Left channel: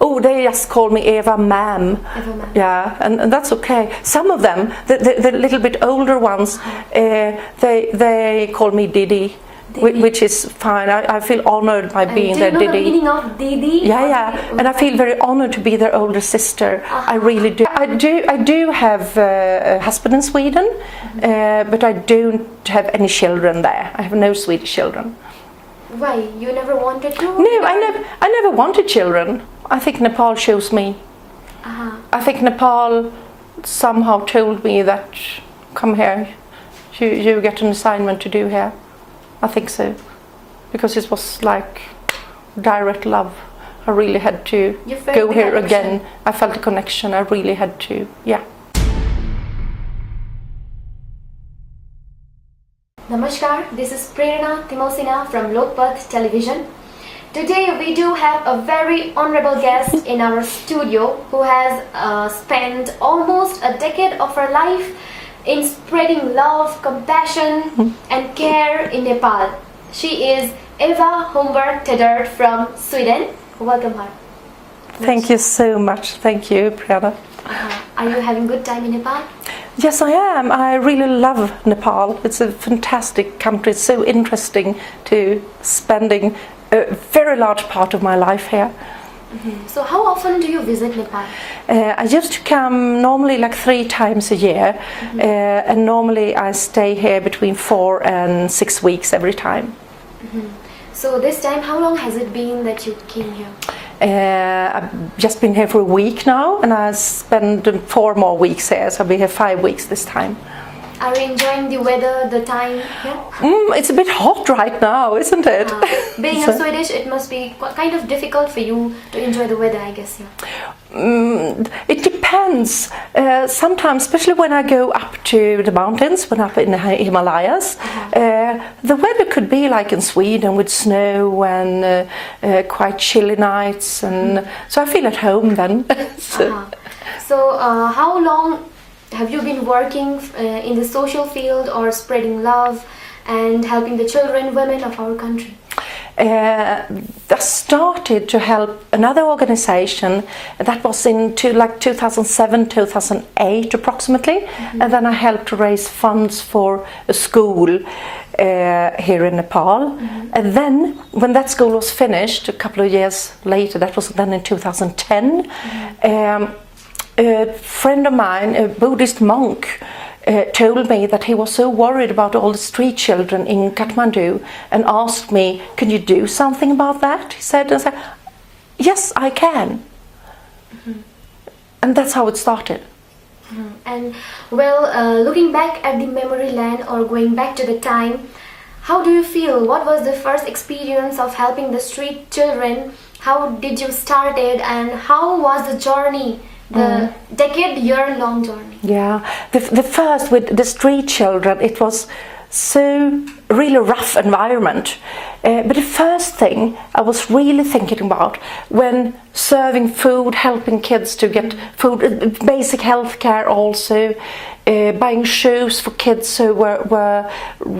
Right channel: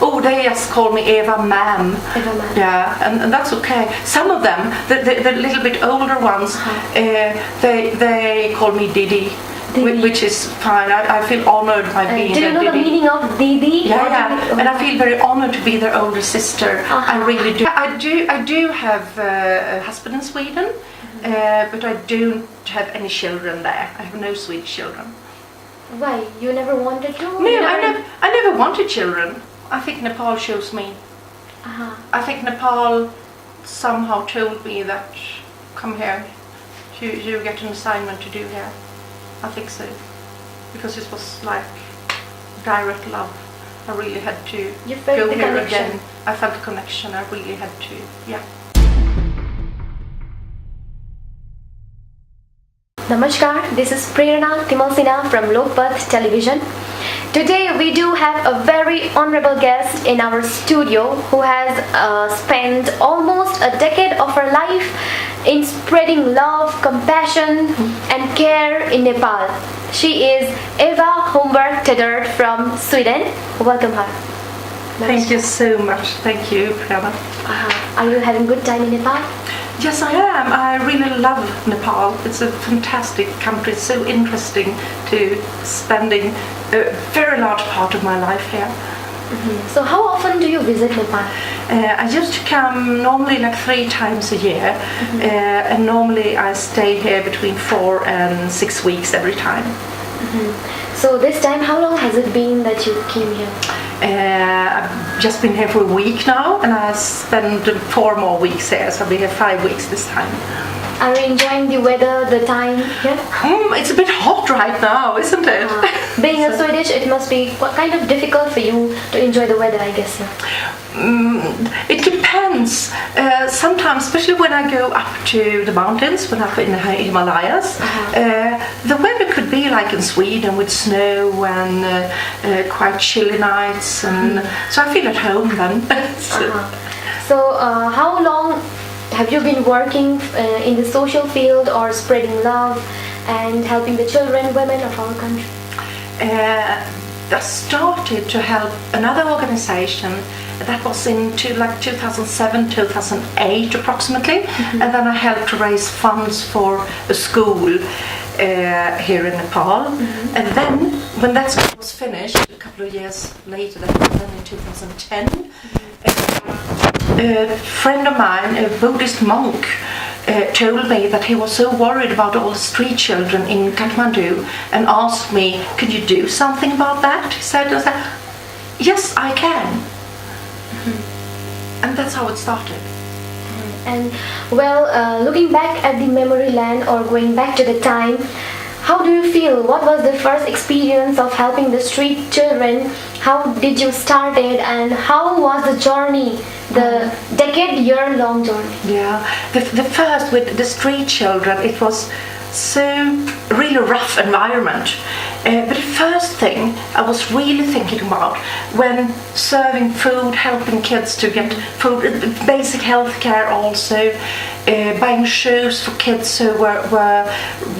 Oh, they just call me Eva ma'am. Eva ma'am. Yeah, and that's okay. Some of them, the little bit older ones, they call me Didi. Which is fine. I feel honored by being their Didi. Do you know the meaning of Didi? Yeah. Didi? And I feel very honored to be their older sister. I really do. I do have a husband in Sweden, but I don't have any children there. I have no Swedish children. Why? You never wanted to? No, I never wanted children. I think Nepal chose me. I think Nepal somehow told me that, come here, you get an assignment to do here. I think so, because it was like direct love. I really had to go here connection. Again. I felt the connection. I really had to, yeah. Namaskar, this is Prerna Timalsina from Lokpath television. Today we do have a very honorable guest in our studio who has spent almost a decade of her life in spreading love, compassion and care in Nepal. She is Eva Holmberg Tedert from Sweden. Welcome her. Thank you so much. Thank you, Prerna. Are you having good time in Nepal? Yes, I am. I really love Nepal. It's a fantastic country. It's so interesting to spending a very large part of my life here. So how often do you visit Nepal? I used to come normally like 3 times a year, and normally I stay here between 4 and 6 weeks every time. So this time, how long has it been that you came here? I've just been here for a week now, and I spend 4 more weeks here, so I'll be here 5 weeks this time. Are you enjoying the weather, the time here? It's a bit hot right now, isn't it? Being a Swedish, it must be kind of difficult for you to enjoy the weather, I guess. It depends. Sometimes, especially when I go up to the mountains, when I'm up in the Himalayas, the weather could be like in Sweden with snow and quite chilly nights, and so I feel at home then. So how long have you been working in the social field or spreading love and helping the children, women of our country? I started to help another organization that was in 2007, 2008 approximately, and then I helped to raise funds for a school here in Nepal. And then when that school was finished a couple of years later, that was then in 2010, a friend of mine, a Buddhist monk, told me that he was so worried about all the street children in Kathmandu and asked me, can you do something about that? He said, yes, I can. And that's how it started. And well, looking back at the memory lane or going back to the time, how do you feel? What was the first experience of helping the street children? How did you start it, and how was the journey, the decade-year-long journey? Yeah, the first with the street children, it was so really rough environment. But the first thing I was really thinking about when serving food, helping kids to get food, basic health care also, buying shoes for kids who were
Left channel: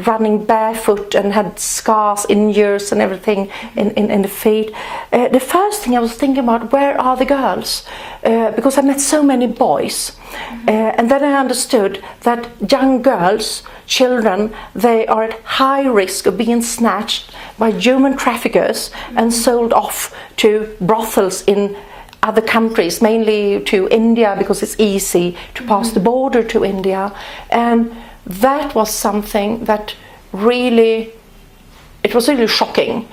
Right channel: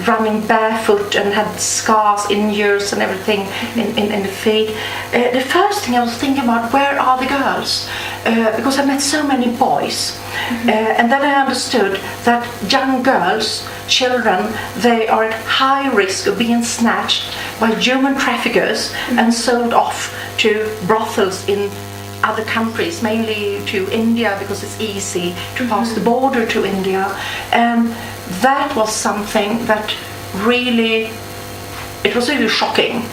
running barefoot and had scars, injuries and everything in the feet. The first thing I was thinking about, where are the girls? Because I met so many boys. And then I understood that young girls, children, they are at high risk of being snatched by human traffickers and sold off to brothels in other countries, mainly to India, because it's easy to pass the border to India. And that was something that really, it was really shocking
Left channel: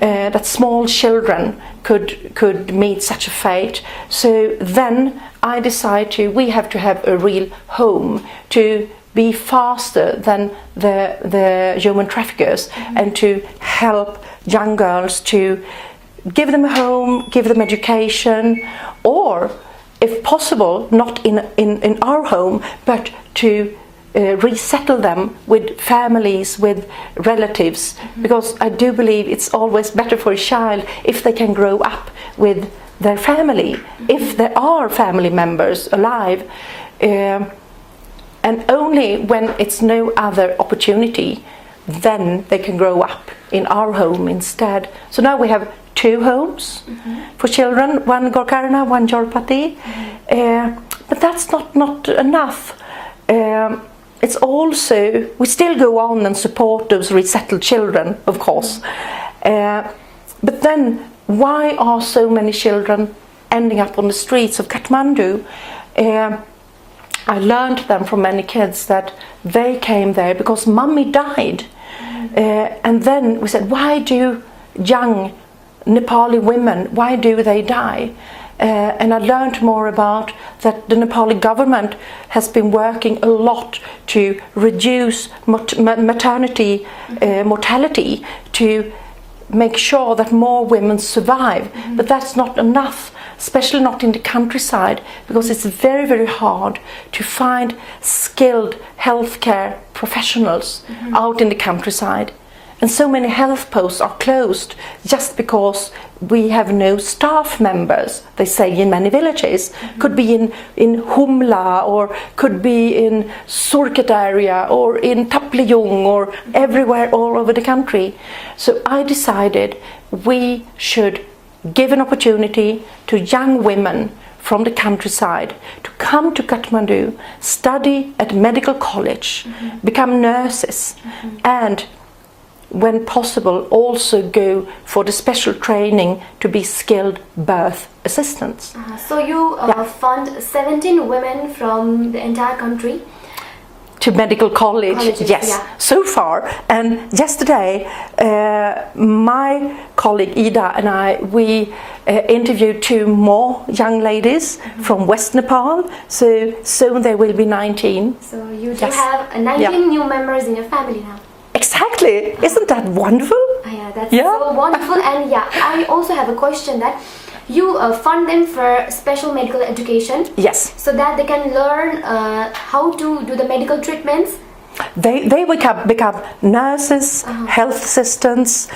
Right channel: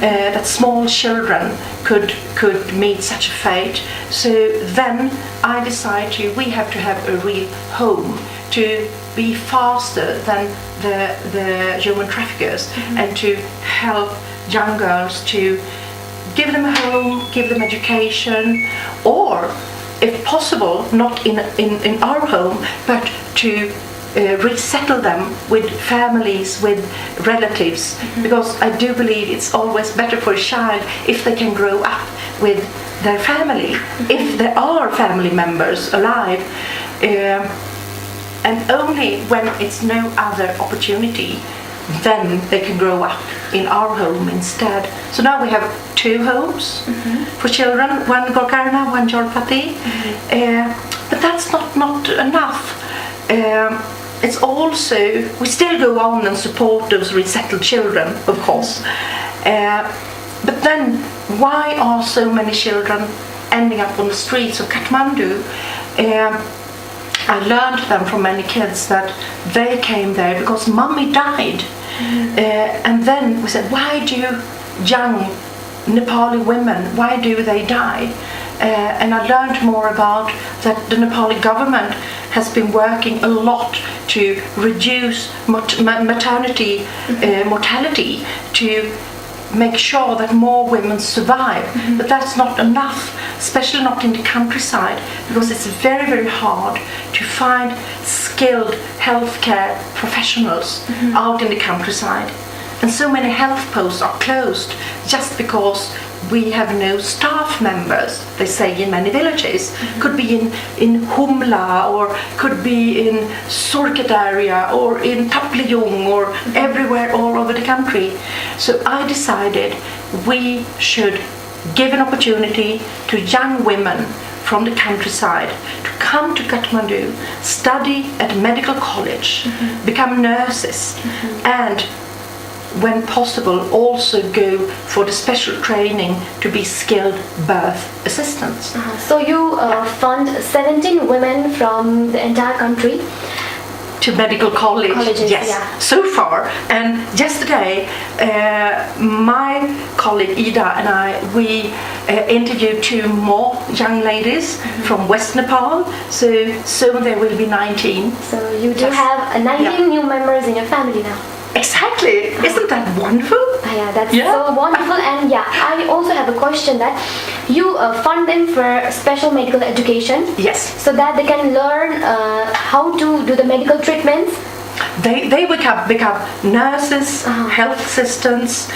that small children could meet such a fate. So then I decided we have to have a real home to be faster than the human traffickers, and to help young girls to give them a home, give them education, or if possible not in our home, but to resettle them with families, with relatives, because I do believe it's always better for a child if they can grow up with their family, if there are family members alive, and only when it's no other opportunity then they can grow up in our home instead. So now we have 2 homes for children, one Gokarna, one Lokpath. But that's not enough. It's also, we still go on and support those resettled children, of course. But then, why are so many children ending up on the streets of Kathmandu? I learned them from many kids that they came there because mommy died. And then we said, why do young Nepali women, why do they die? And I learned more about that the Nepali government has been working a lot to reduce maternity mortality, to make sure that more women survive. But that's not enough, especially not in the countryside, because it's very, very hard to find skilled healthcare professionals out in the countryside. And so many health posts are closed just because we have no staff members, they say in many villages. Could be in Humla, or could be in Surket area, or in Taplejung, or everywhere all over the country. So I decided we should give an opportunity to young women from the countryside to come to Kathmandu, study at medical college, become nurses, and when possible also go for the special training to be skilled birth assistants. So you fund 17 women from the entire country to medical colleges, yes, yeah. So far. And yesterday my colleague Ida and I, we interviewed 2 more young ladies from West Nepal, so soon there will be 19. So you do have 19 new members in your family now. Exactly, isn't that wonderful? Yeah, that's so wonderful. And yeah, I also have a question that you fund them for special medical education. Yes. So that they can learn how to do the medical treatments. They become nurses, health assistants,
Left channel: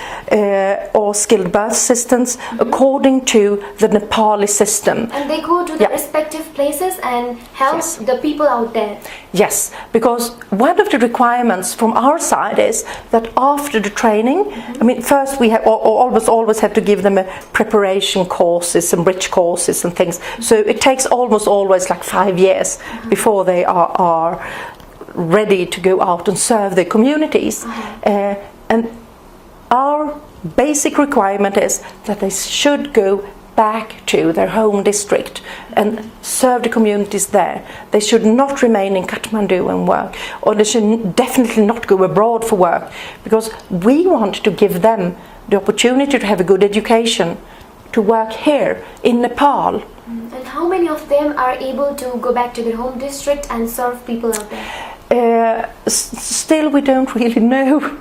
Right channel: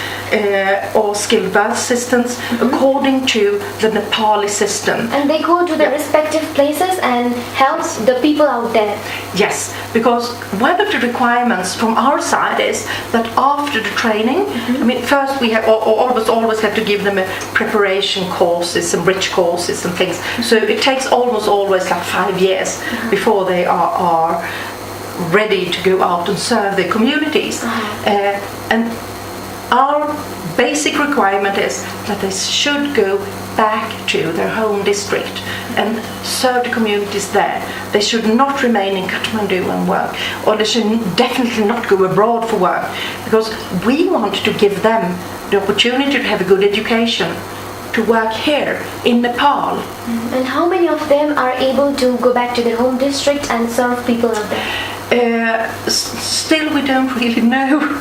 or skilled birth assistants according to the Nepali system. And they go to the respective places and help the people out there. Yes, because one of the requirements from our side is that after the training, I mean, first we have always have to give them a preparation courses and bridge courses and things. So it takes almost always like 5 years before they are ready to go out and serve their communities. And our basic requirement is that they should go back to their home district and serve the communities there. They should not remain in Kathmandu and work, or they should definitely not go abroad for work, because we want to give them the opportunity to have a good education, to work here in Nepal. And how many of them are able to go back to their home district and serve people out there? Still we don't really know,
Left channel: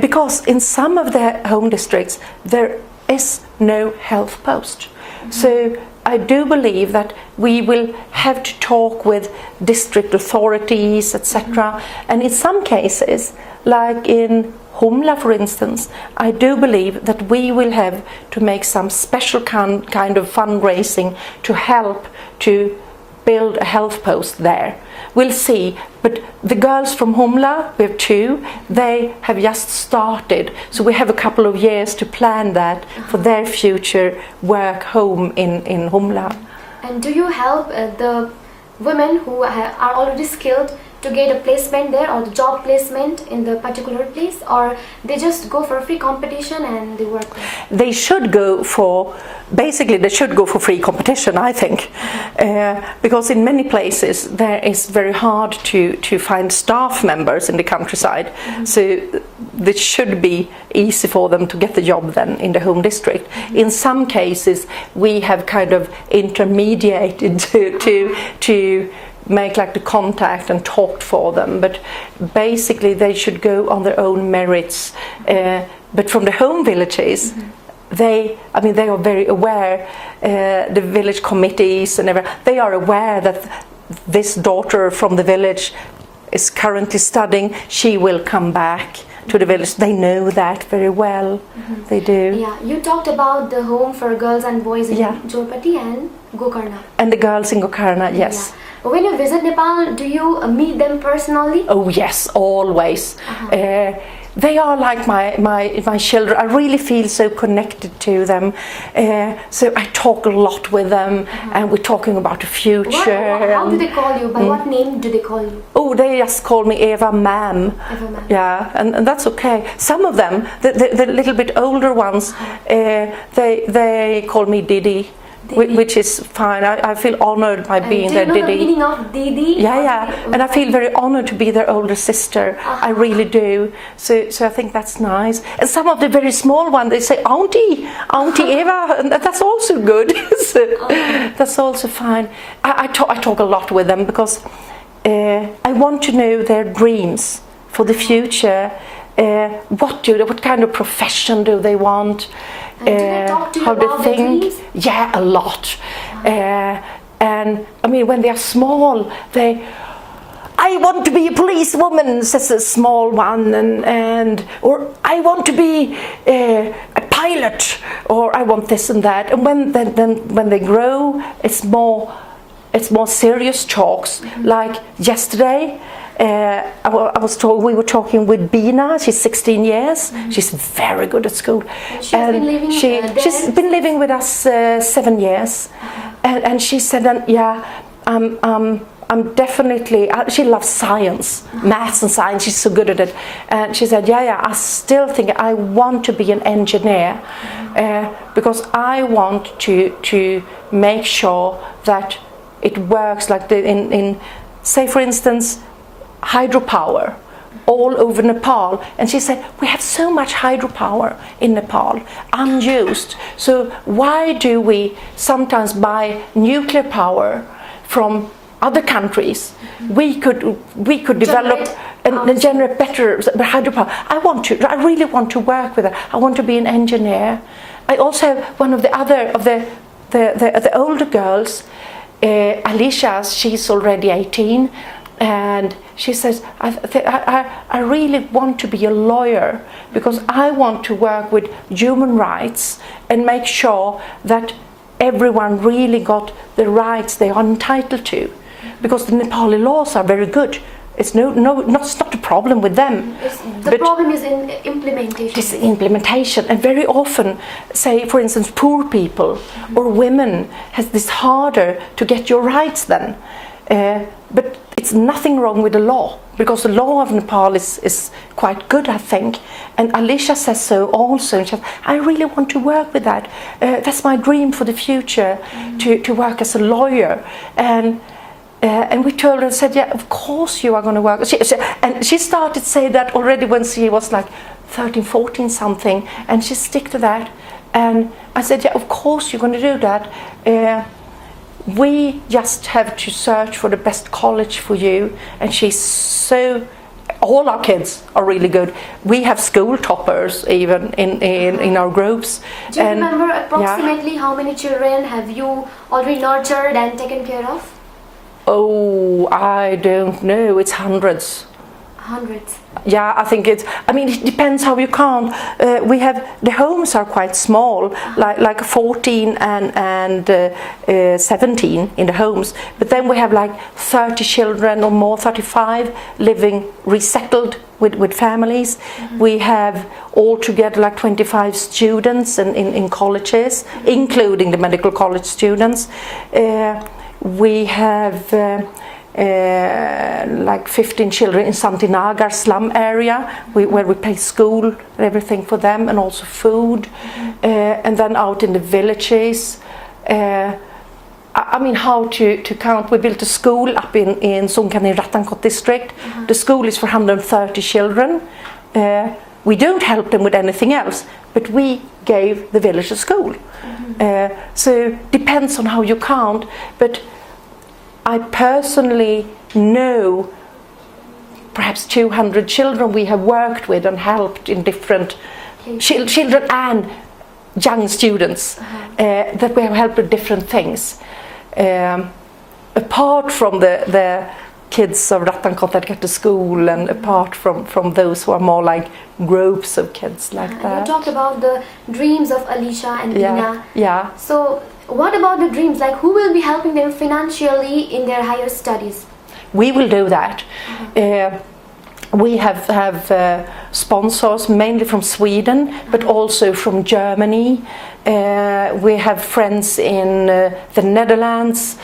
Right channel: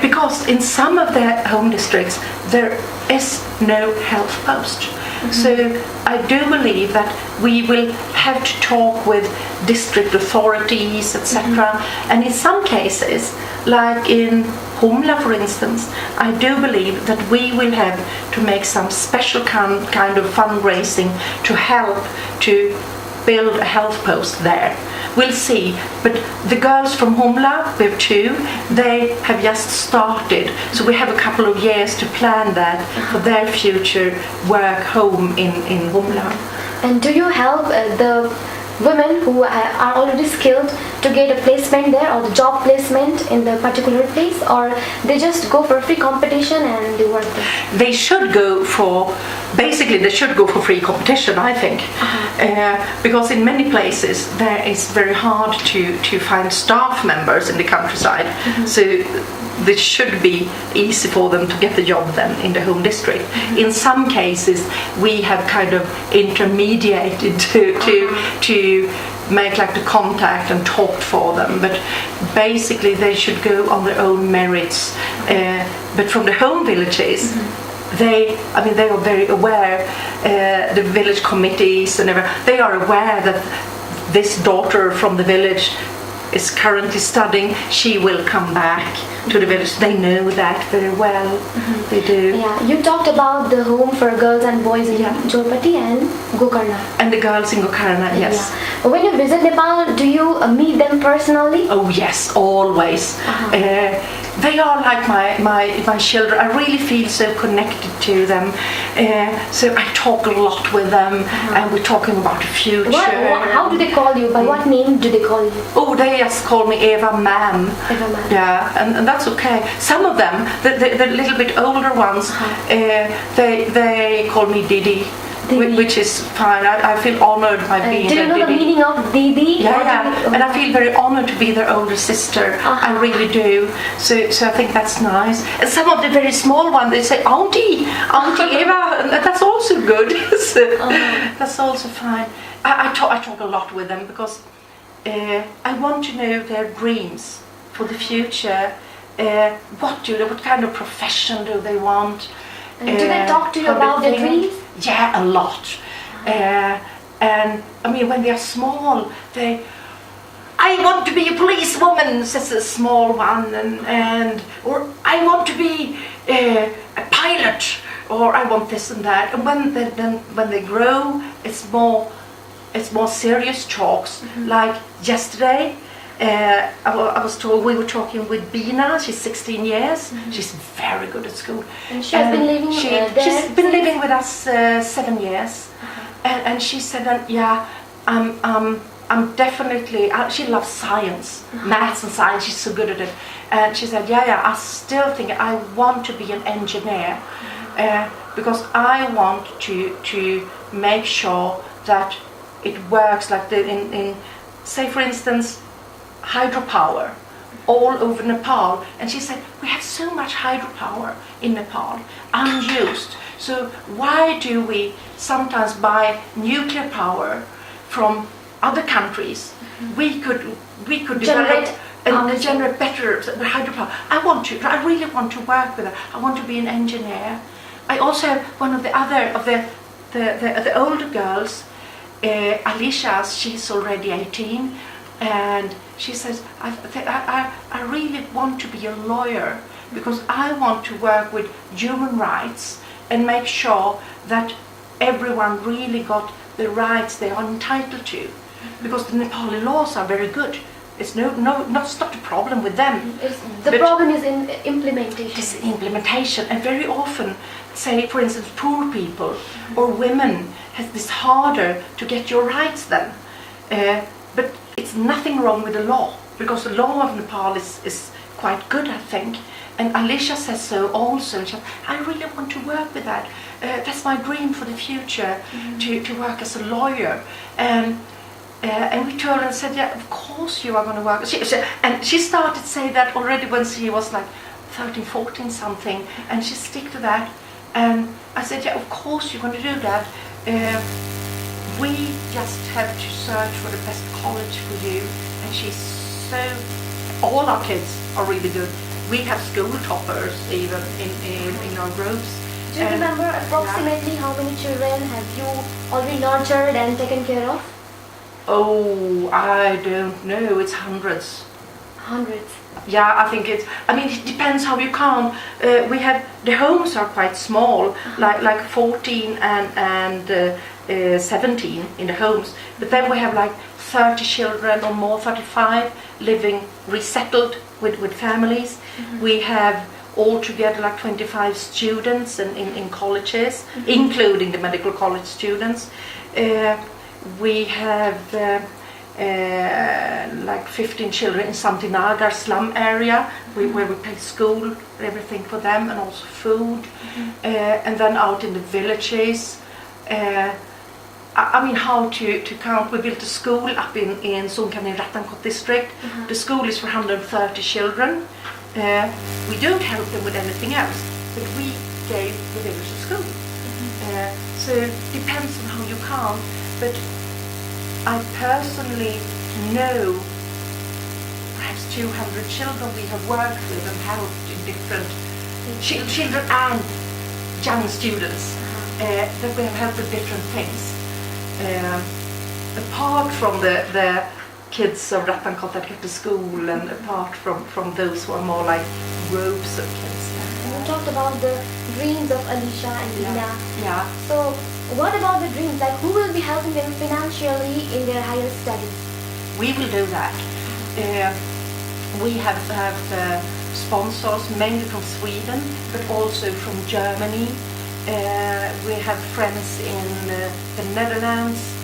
because in some of the home districts there is no health post. So I do believe that we will have to talk with district authorities, etc. And in some cases, like in Humla for instance, I do believe that we will have to make some special kind of fundraising to help to build a health post there. We'll see, but the girls from Humla, we have 2, they have just started, so we have a couple of years to plan that for their future work home in Humla. And do you help the women who are already skilled to get a placement there, or the job placement in the particular place, or they just go for free competition and they work there? They should go for, basically they should go for free competition, I think, because in many places there is very hard to find staff members in the countryside, so it should be easy for them to get the job then in the home district. In some cases we have kind of intermediated to make like the contact and talk for them, but basically they should go on their own merits. But from the home villages, they are very aware, the village committees and everything, they are aware that this daughter from the village is currently studying, she will come back to the village. They know that very well. They do. Yeah, you talked about the home for girls and boys in Lokpath and Gokarna. And the girls in Gokarna, yes. Yeah. When you visit Nepal, do you meet them personally? Oh yes, always. they are like my children. I really feel so connected to them. So I talk a lot with them, and we're talking about the future. How do they call you? By what name do they call you? Oh, they just call me Eva Ma'am. Eva Ma'am. Yeah, and that's okay. Some of them, the little bit older ones, they call me Didi. Which is fine. I feel honored by being their Didi. Do you know Didi. the meaning of Didi? Yeah. And I feel very honored to be their older sister. I really do. So I think that's nice. And some of the very small ones, they say, Auntie Eva, and that's also good. So that's also fine. I talk a lot with them because I want to know their dreams for the future. What kind of profession do they want? And do they talk to you about their dreams? Yeah, a lot. And I mean, when they're small, I want to be a policewoman, says a small one, or I want to be a pilot, or I want this and that. And when they grow, it's more serious talks. Like yesterday, I was told we were talking with Bina. She's 16 years. She's very good at school. And she's been living she's been living with us 7 years. And she said, yeah, I'm definitely. She loves science, maths and science. She's so good at it. And she said, yeah, I still think I want to be an engineer because I want to make sure that it works. Like in say for instance, hydropower all over Nepal, and she said we have so much hydropower in Nepal unused, so why do we sometimes buy nuclear power from other countries? We could develop and generate better hydropower. I really want to work with that. I want to be an engineer. I also have one of the older girls, Alicia. She's already 18. And she says, I really want to be a lawyer because I want to work with human rights and make sure that everyone really got the rights they are entitled to. Because the Nepali laws are very good. It's not a problem with them. The problem is in implementation. It's implementation, and very often, say for instance, poor people or women has this harder to get your rights then. But it's nothing wrong with the law, because the law of Nepal is quite good, I think. And Alicia says so also. And she says, I really want to work with that. That's my dream for the future, to work as a lawyer. And we told her and said, yeah, of course you are going to work. And she started to say that already when she was like 13, 14 something. And she stick to that. And I said, yeah, of course you're going to do that. We just have to search for the best college for you. And all our kids are really good. We have school toppers even in our groups. Do you remember approximately how many children have you already nurtured and taken care of? Oh, I don't know. It's hundreds. Hundreds. Yeah, I think it depends how you count. We have, the homes are quite small, like 14 and 17 in the homes. But then we have like 30 children or more, 35 living resettled with families. We have altogether like 25 students in colleges, including the medical college students. We have like 15 children in Santinagar slum area where we pay school and everything for them, and also food. And then out in the villages, how to count. We built a school up in Songkran Rathankot district. The school is for 130 children. We don't help them with anything else, but we gave the village a school. So depends on how you count, but I personally know perhaps 200 children we have worked with and helped in different children and young students that we have helped with different things. Apart from the kids of Rathankot that get to school, and apart from those who are more like groups of kids like that. You talked about the dreams of Alicia and Bina. Yeah. So what about the dreams? Like, who will be helping them financially in their higher studies? We will do that. We have sponsors, mainly from Sweden, but also from Germany. We have friends in the Netherlands.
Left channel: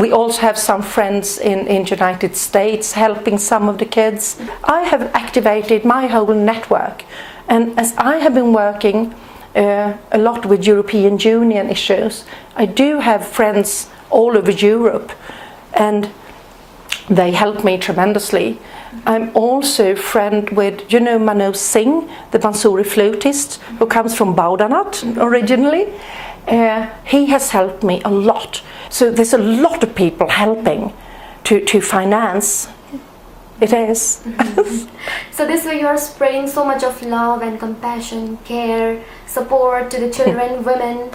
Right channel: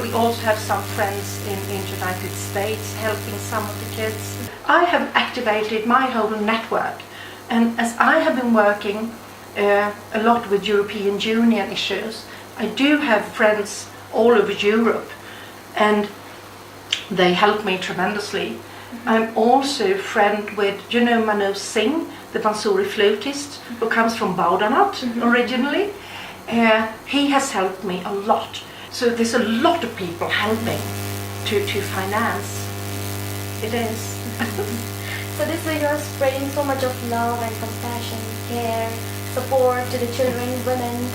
We also have some friends in United States helping some of the kids. I have activated my whole network, and as I have been working a lot with European Union issues, I do have friends all over Europe, and they help me tremendously. I'm also friend with, Manoj Singh, the Bansuri flautist, who comes from Baudanat originally. He has helped me a lot. So there's a lot of people helping to finance. It is. So this way you're spreading so much of love and compassion, care, support to the children, women,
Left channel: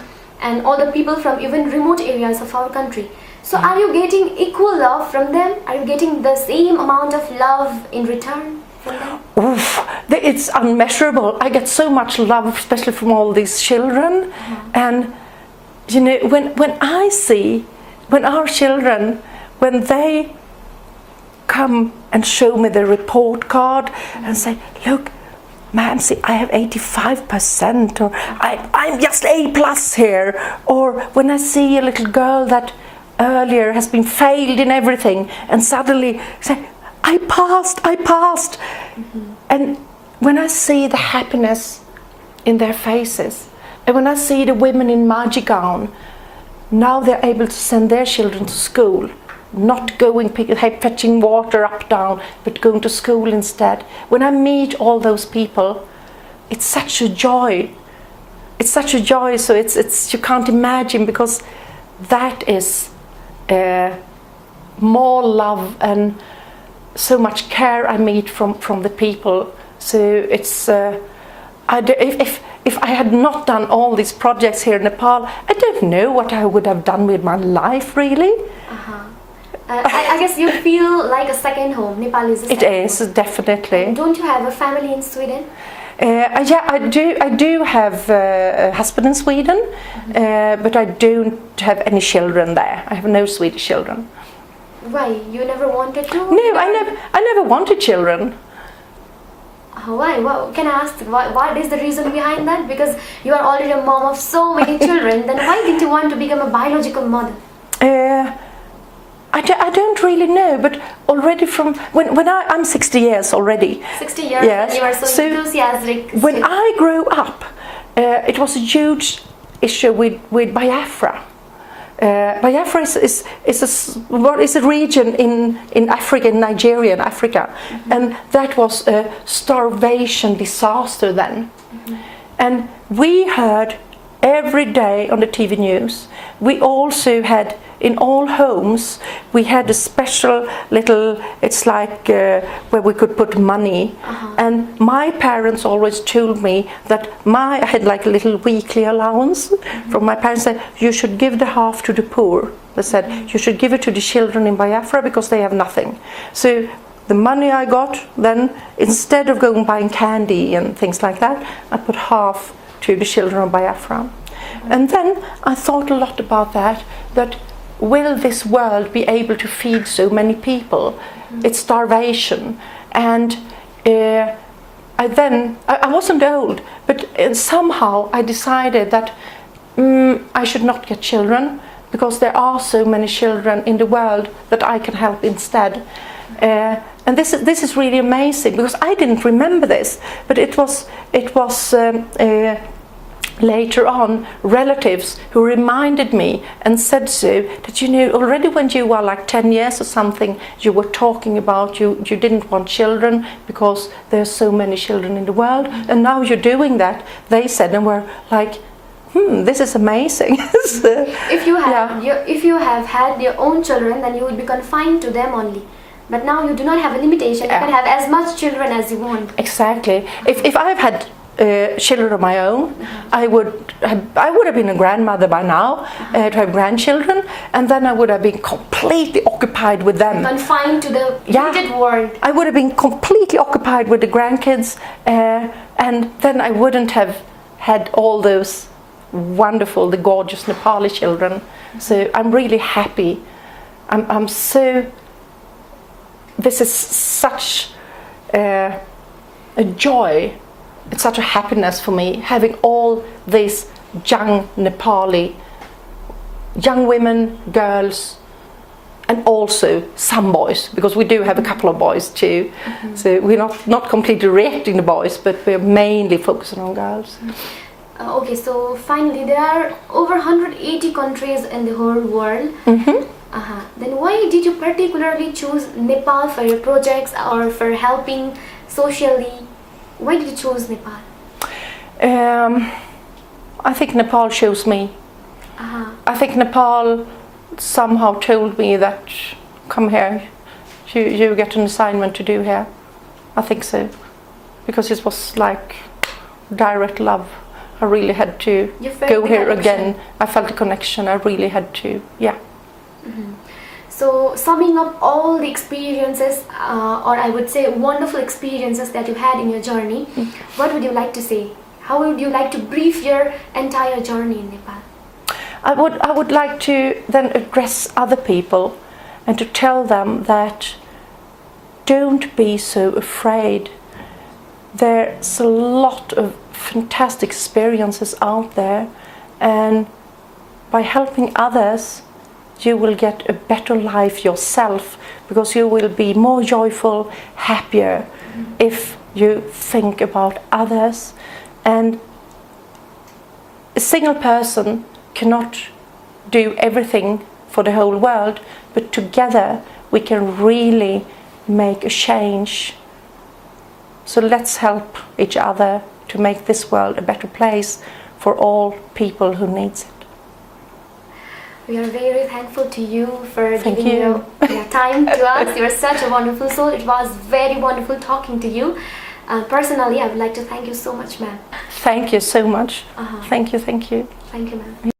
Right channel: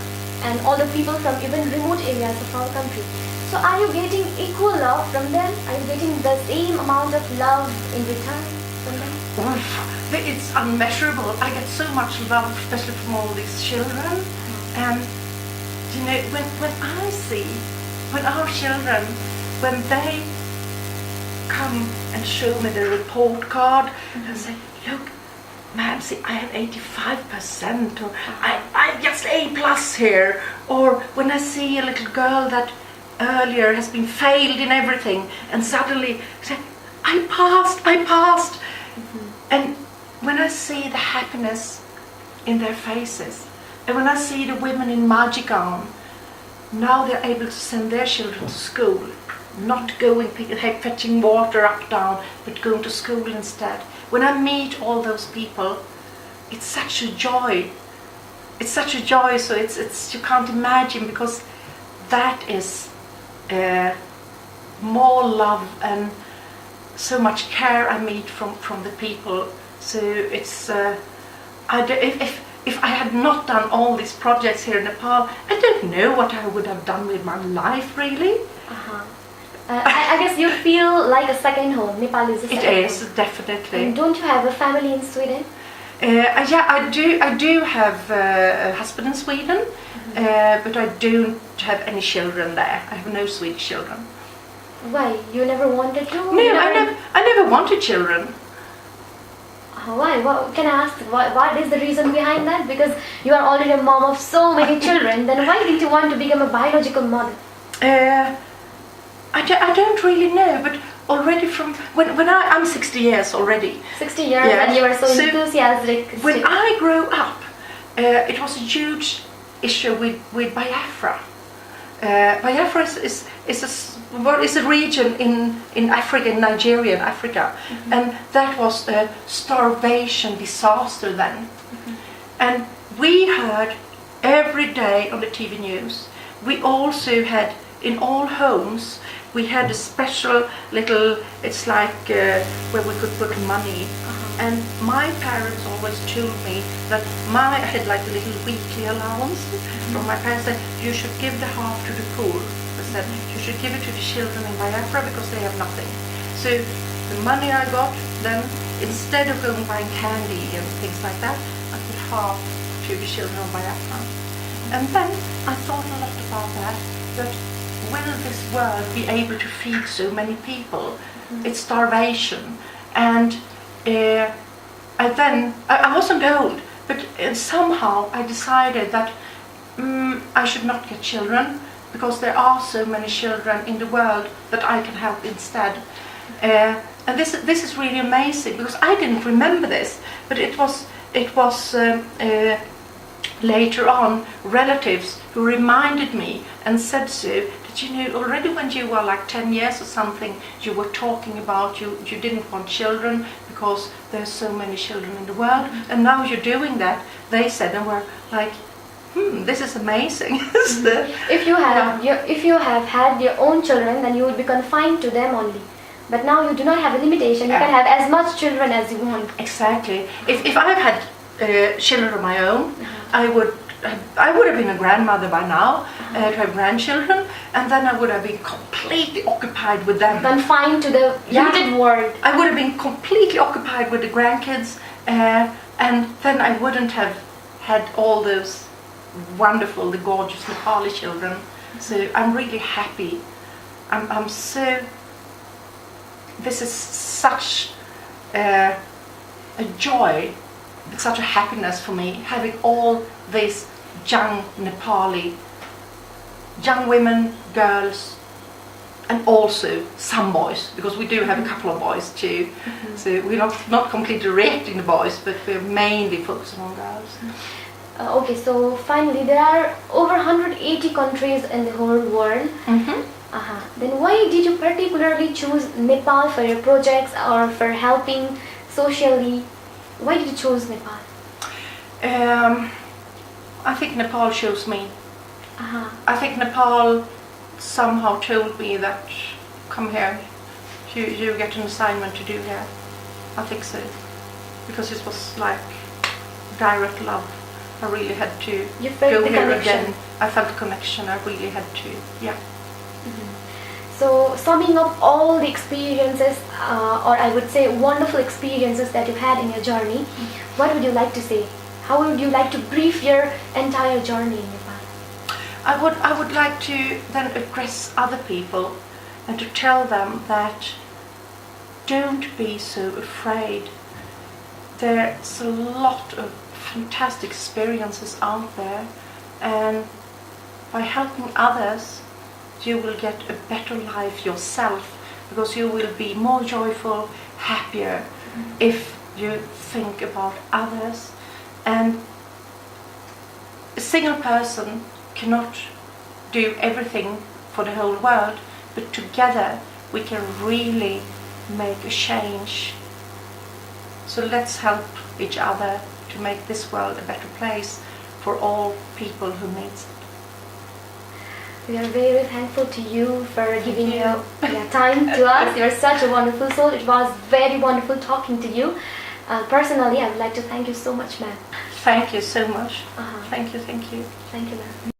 and all the people from even remote areas of our country. So are you getting equal love from them? Are you getting the same amount of love in return from them? Oof, it's unmeasurable. I get so much love, especially from all these children. And when I see, when our children, when they come and show me the report card and say, look, man, see, I have 85%, or I'm just A+ here. Or when I see a little girl that earlier has been failed in everything and suddenly say, I passed. And when I see the happiness in their faces, and when I see the women in Maji gown, now they're able to send their children to school, not going fetching water up down, but going to school instead. When I meet all those people, it's such a joy. It's such a joy, so it's you can't imagine, because that is more love and so much care I meet from the people. So it's if I had not done all these projects here in Nepal, I don't know what I would have done with my life, really. I guess you feel like a second home. Nepal is a second home. It is, definitely. And don't you have a family in Sweden? Yeah, I do have a husband in Sweden, but I don't have any children there. I have no Swedish children. Why? You never wanted to? No, I never wanted children. Why? Can I ask what is the reason behind that? Because you are already a mom of so many children. Then why didn't you want to become a biological mother? I don't really know, but already from when I'm 60 years already. 60 years, yes. And you are so enthusiastic. When I grew up, it was a huge issue with Biafra. Biafra is a region in Africa, in Nigeria, in Africa, and that was a starvation disaster then. And we heard every day on the TV news. We also had, in all homes, we had a special little, it's like where we could put money. And my parents always told me that I had like a little weekly allowance from my parents, that you should give the half to the poor. They said you should give it to the children in Biafra because they have nothing. So the money I got, then instead of going buying candy and things like that, I put half to the children of Biafra. And then I thought a lot about that will this world be able to feed so many people? It's starvation. And I wasn't old, but somehow I decided that I should not get children, because there are so many children in the world that I can help instead. And this is really amazing, because I didn't remember this, but it was later on relatives who reminded me and said so, that already when you were like 10 years or something, you were talking about you didn't want children because there's so many children in the world, and now you're doing that, they said, and were like, this is amazing. If you have had your own children, then you will be confined to them only. But now you do not have a limitation. You can have as much children as you want. Exactly. If I've had children of my own, I would have been a grandmother by now, to have grandchildren, and then I would have been completely occupied with them. Confined to the limited world. I would have been completely occupied with the grandkids, and then I wouldn't have had all those wonderful, the gorgeous Nepali children. So I'm really happy. I'm so. This is such. a joy. It's such a happiness for me having all these young Nepali, young women, girls, and also some boys, because we do have a couple of boys too. So we're not completely rejecting the boys, but we're mainly focusing on girls. Okay, so finally, there are over 180 countries in the whole world. Then why did you particularly choose Nepal for your projects or for helping socially? Why did you choose Nepal? I think Nepal chose me. I think Nepal somehow told me that, come here, you get an assignment to do here. I think so, because it was like direct love. I really had to go here again. I felt the connection. I really had to, yeah. So summing up all the experiences, or I would say wonderful experiences that you had in your journey, what would you like to say? How would you like to brief your entire journey in Nepal? I would like to then address other people and to tell them that don't be so afraid. There's a lot of fantastic experiences out there, and by helping others you will get a better life yourself, because you will be more joyful, happier if you think about others. And a single person cannot do everything for the whole world, but together we can really make a change. So let's help each other to make this world a better place for all people who needs it. We are very thankful to you for giving your time to us. You're such a wonderful soul. It was very wonderful talking to you. Personally, I would like to thank you so much, ma'am. Thank you so much. Thank you. Thank you, ma'am.